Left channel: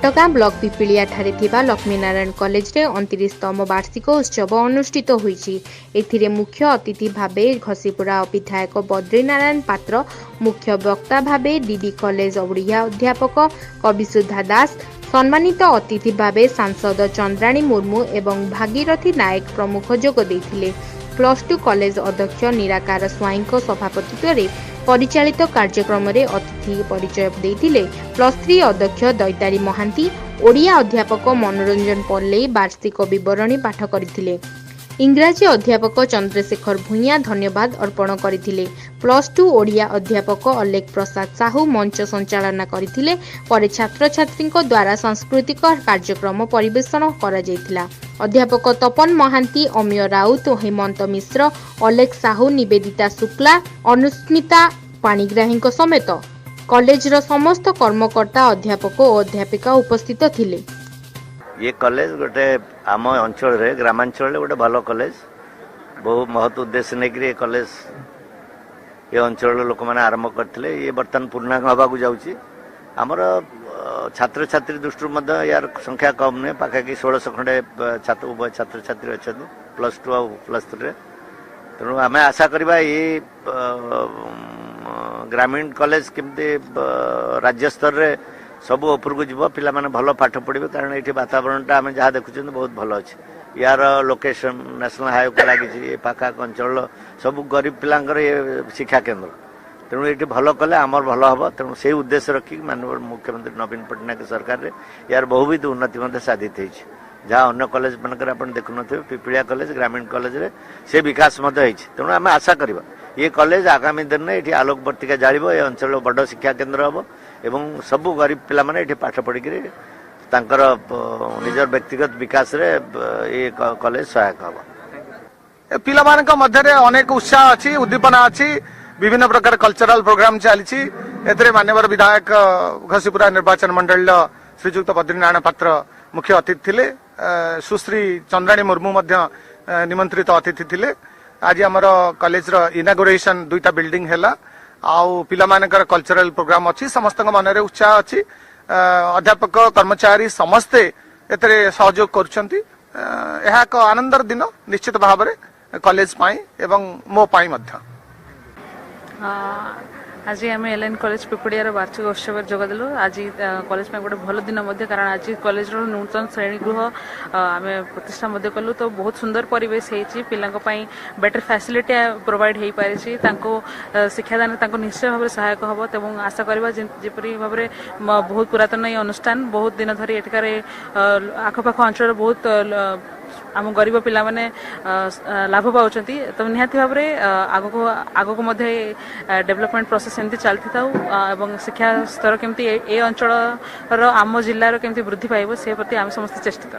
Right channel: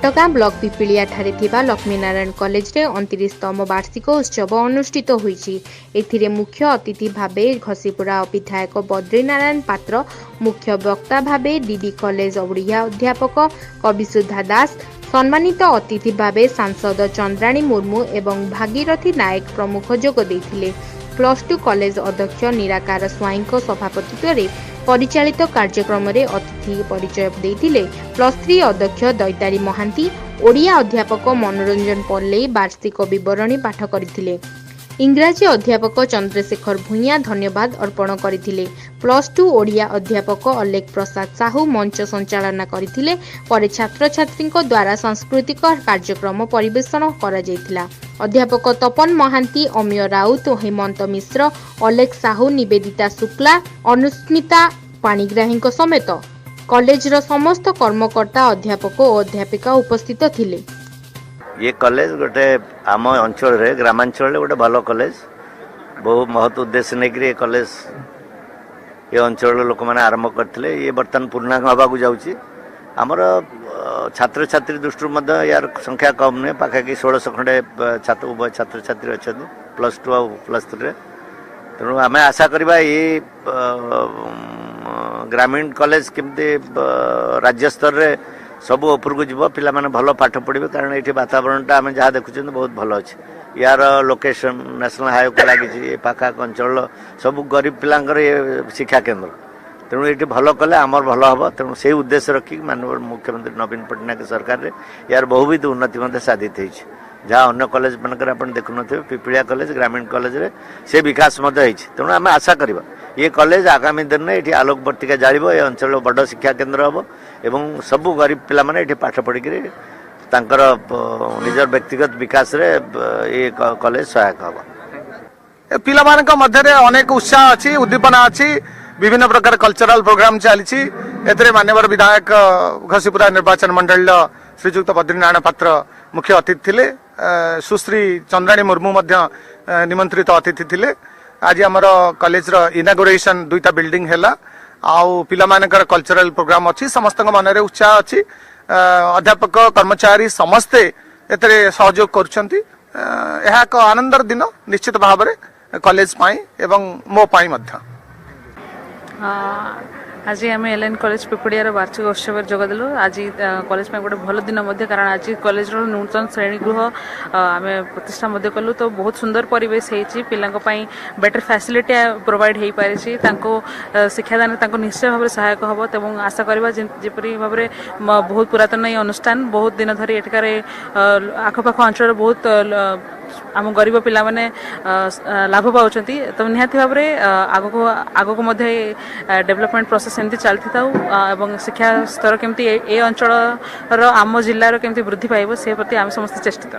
घटगाँ block पिपिलिया ठारे थिबा Laxminarayan college रे 29तम वार्षिक उत्सव अनुष्ठित होईछि। एथिरे मुख्य अतिथि भाबे घसीपुरा विधायक बद्रीनारायण पात्र, मुख्य वक्ता भाबे डीडी कॉलेज ओडिया अध्यापक कविसुधा दास, सम्मानित अतिथि भाबे सांसद चंद्राणी मुर्मू एवं भागीरथी नायक प्रमुख जोग देथिले। +2 कॉलेज अध्यक्ष निराकार स्वाईंको सभापतित्व रे परिचालित कार्यक्रम रे अतिथि परिचय देथिले। +3 अध्यक्ष दैतारी महांती, ओडिया अध्यापक मनोरंजन पल्ले वार्षिक विवरणी पाठ करथिले। इंग्राजी अध्यापक चंद्रशेखर भूइया धन्यवाद अर्पण करथिले। +2 ओडिया अध्यापक अलेख प्रसाद साहू मंच संचालना करथिले। परे छात्र छात्री द्वारा सांस्कृतिक कार्यक्रम परिवेषण करा जायतिला। अध्यापक तपन महांती, अमिय राउत, हेमंत मिश्र, अलेख साहू, निवेदिता शुक्ला, अनुस्मिता पाणिग्राही समेत कॉलेज समस्त कर्मकर्ता अध्यापक और अध्यापिका उपस्थित थिले। ये कॉलेज गोटे आम अंचल रे ग्रामांचल गोटे भल कॉलेज बहु महत उद्देश्य नहीं कॉलेज ये अंचल लोक मैंने आरंभ करते ये बर्तमान पूर्णांग हवाक जाऊँगी। आमर छात्र छात्री दृष्टि यार संख्या कम नुहे, पाखापाखि 1600 खंडे उभय छात्र छात्री अच्छा +2 और +3 तेणु आम आशा करवा ये ग्रामीण कॉलेज केमती राज्य स्तर रे सब ऊपर को जीव पिला माने भल पाठ पढ़े, कारण ये वातावरण आम जहाँ देखुं बहुत भल अच्छे। यार लोकेशन नेशनल हाईवे को लगी पाखा अंचल सब गरीब पिलांकर ये शिक्षा केन्द्र, तेणु ये भल कले आमर भल हम। तेणु से उद्देश्य रखिक माननीय मुख्यमंत्री नवीन पट्टनायक सरकार रे यार बहुविध उन्नति साधित हो। जहाँ अन्य कॉलेज मानक आप देखुन पिपिलिया कॉलेज ग्रामीण कॉलेज रे से विकास तेणु आम आशा करवा ये कॉलेज आगामी दिन में ये आलोकवर्तिका जालिब, ये अंचल बड़ शिक्षा केन्द्र हम एवं सबू गरीब पिला माने ये पाठ पढ़ी निजर व्यक्तिगत विकास रे ये कॉलेज सहायक हम। पिला मानक मध्य अनेक उत्साह अच्छी, उद्दीपना अच्छी, विभिन्न प्रकार कल्चरल प्रोग्राम चली। मान्यवर विधायक घसीपुरा निर्वाचन मंडल श्रीजुक्त बद्रीनारायण पात्र मुख्य अतिथि थिले। सुश्री चंद्राणी मुर्मू निमंत्रित अतिथि थिले। आज आमर कॉलेज इनागुरेशन 2टा बिल्डिंग है आउ पिला मानकर कल्चरल प्रोग्राम अच्छी, समस्त मन में उत्साह अच्छी। अध्यापक कर्मचारी समस्ते एतरे सहयोग करुछंती। यह एक आनंदर दिन निश्चित भाव में कॉलेज पाई एवं मो पाई मध्य। आज आम एलएन कॉलेज पिपड़ियार वार्षिक उत्सव जोगदेलु। आज कॉलेज में गोटे भल दिन कारण आज कॉलेज नूतन श्रेणी गृह आम प्रतिष्ठा कलु, तो बहुत सुंदर परिवेश होती पिलांई बेटर फैसिलिटी प्रोवाइड हो पारी शिक्षादान निश्चय भाव सहायक हम। तेज आशा करवा जपरी भाव में बहुत पुरातन ये अनुष्ठान बहुत दिन धरी एठिकार आखपाख अंचल बहुत आम गरीब पिला माने लाभ पाँच, तो निहाती भाव में आगक डेवलपमेंट प्रोसेस एमती चलती था एवं शिक्षा स्तर केमती ए अंचल आम जिलार केमती वृद्धि पाइब से प्रति आम समस्त चेष्टित।